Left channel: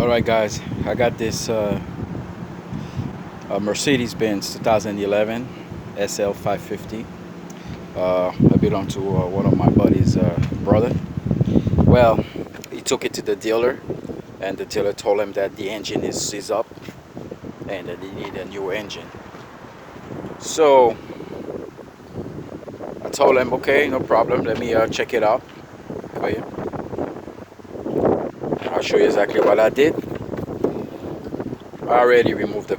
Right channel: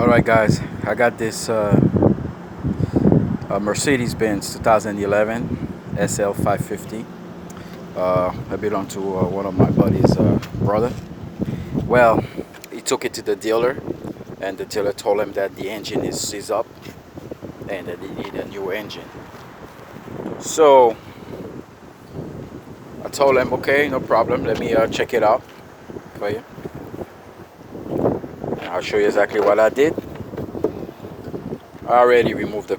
Alright guys, I got this Mercedes-Benz 2011 SL550. I belong to one of my buddy's brother. Well, he took it to the dealer, and the dealer told him that the engine is seized up and that they need a new engine. So I told him, okay, no problem, let me check it out for you. I'll show you exactly what I did. I already removed the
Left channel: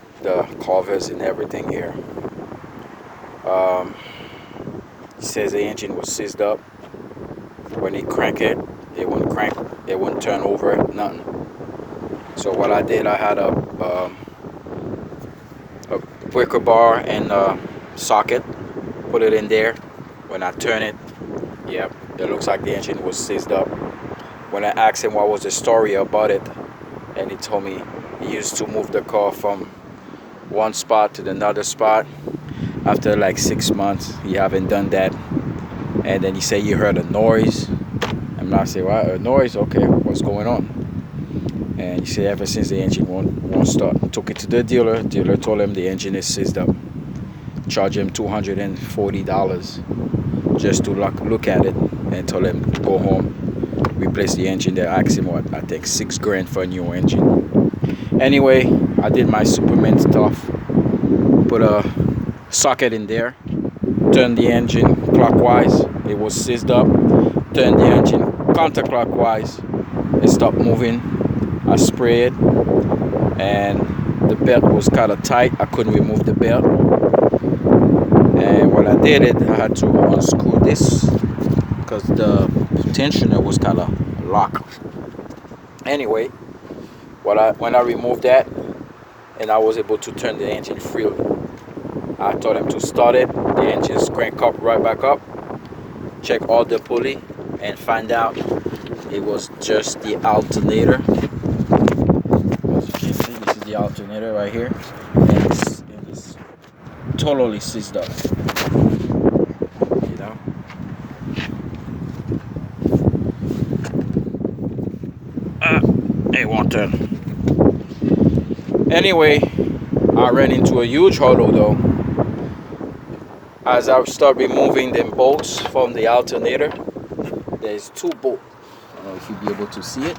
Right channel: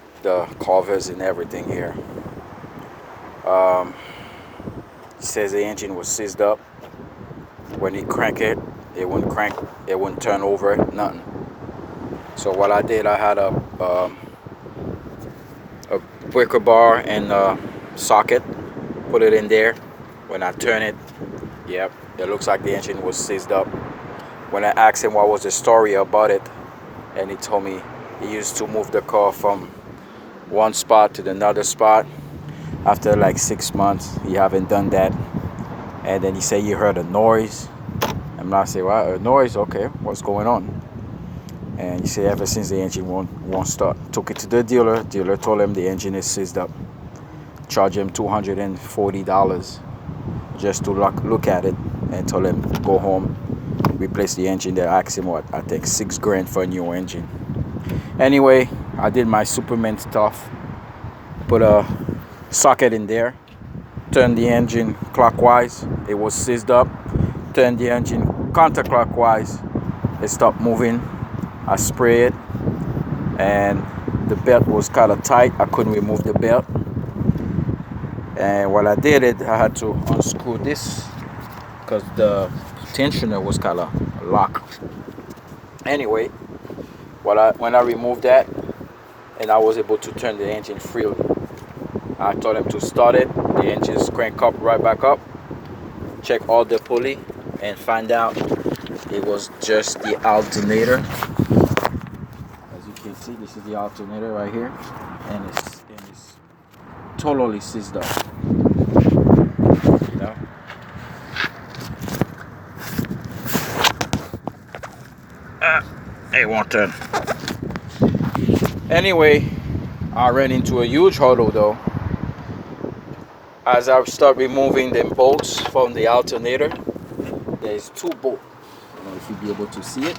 covers and everything here. He says the engine was seized up. When he crank it, it wouldn't turn over, nothing. So what I did, I had a breaker bar and a socket, put it in there. When I turn it, yep, it looks like the engine was seized up. When I asked him what was the story about it, and he told me he used to move the car from one spot to another spot. After like 6 months, he haven't done that. And then he said he heard a noise. I'm not saying, what, a noise? Okay, what's going on? And he said ever since the engine won't start. Took it to the dealer. Dealer told him the engine is seized up. Charged him $240 just to look at it, and told him go home, replace the engine. They asked him what, I think $6 grand for a new engine. Anyway, I did my Superman stuff. Put a socket in there, turned the engine clockwise, it was seized up. Turned the engine counterclockwise, it stopped moving. I sprayed it, and the belt was kind of tight. I couldn't remove the belt, and when I did it, I had to unscrew this because the tensioner was kind of locked. Anyway, when I removed that, and I was able to turn the engine freely, I told him to start it. The engine's crank up right back up. Check all the pulley and find out it was just the alternator. As you can see, this is the alternator right here, and it's totally seized up. You know. It won't turn. Anyway, I ran into a huge hurdle though. As I start removing them bolts from the alternator, there's 2 bolts. I don't know if you'll be able to see it.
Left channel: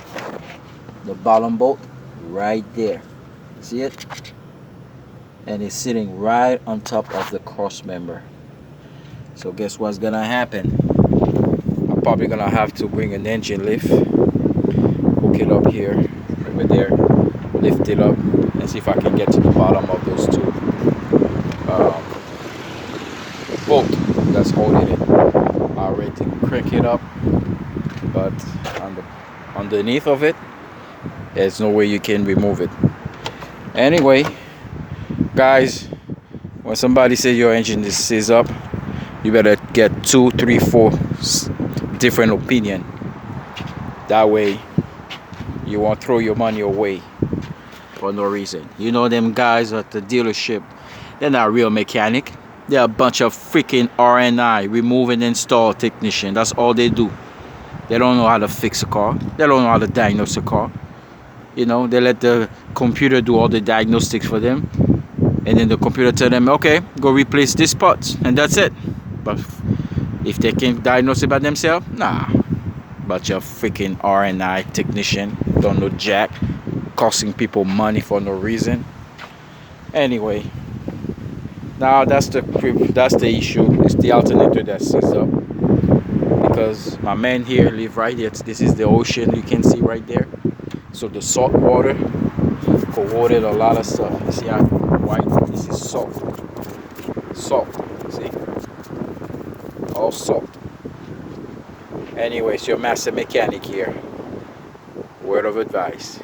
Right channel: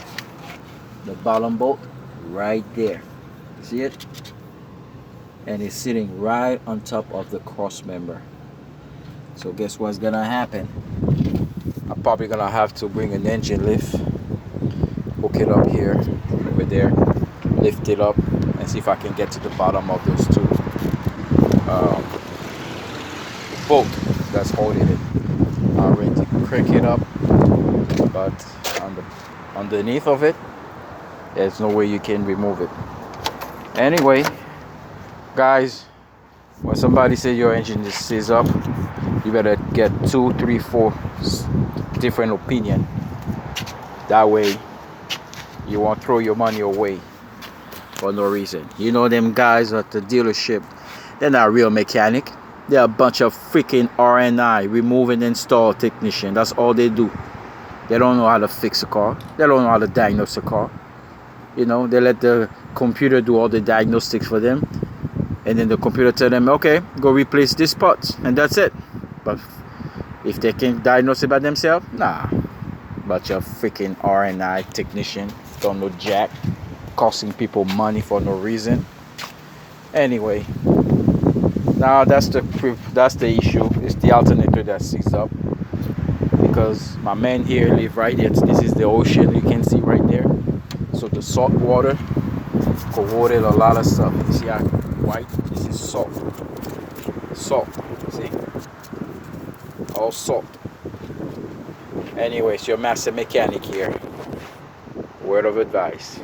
The bottom bolt right there. See it? And it's sitting right on top of the cross member. So guess what's gonna happen? I'm probably gonna have to bring an engine lift, hook it up here, over there, lift it up, and see if I can get to the bottom of those 2 bolt that's holding it. I'm ready to crank it up, but underneath of it, there's no way you can remove it. Anyway, guys, when somebody says your engine is seized up, you better get 2, 3, 4 different opinion. That way you won't throw your money away for no reason. You know, them guys at the dealership, they're not real mechanic. They're a bunch of freaking R&I, remove and install technician. That's all they do. They don't know how to fix a car. They don't know how to diagnose a car. You know, they let the computer do all the diagnostics for them, and then the computer tell them, okay, go replace this part, and that's it. But if they can't diagnose it by themselves, nah. Bunch of freaking R&I technician, don't know jack, costing people money for no reason. Anyway, now that's the issue. It's the alternator that seized up, because my man here live right here. This is the ocean, you can see right there. So the salt water corroded a lot of stuff. You see how white? This is salt. See, all salt. Anyway, it's your master mechanic here. Word of advice.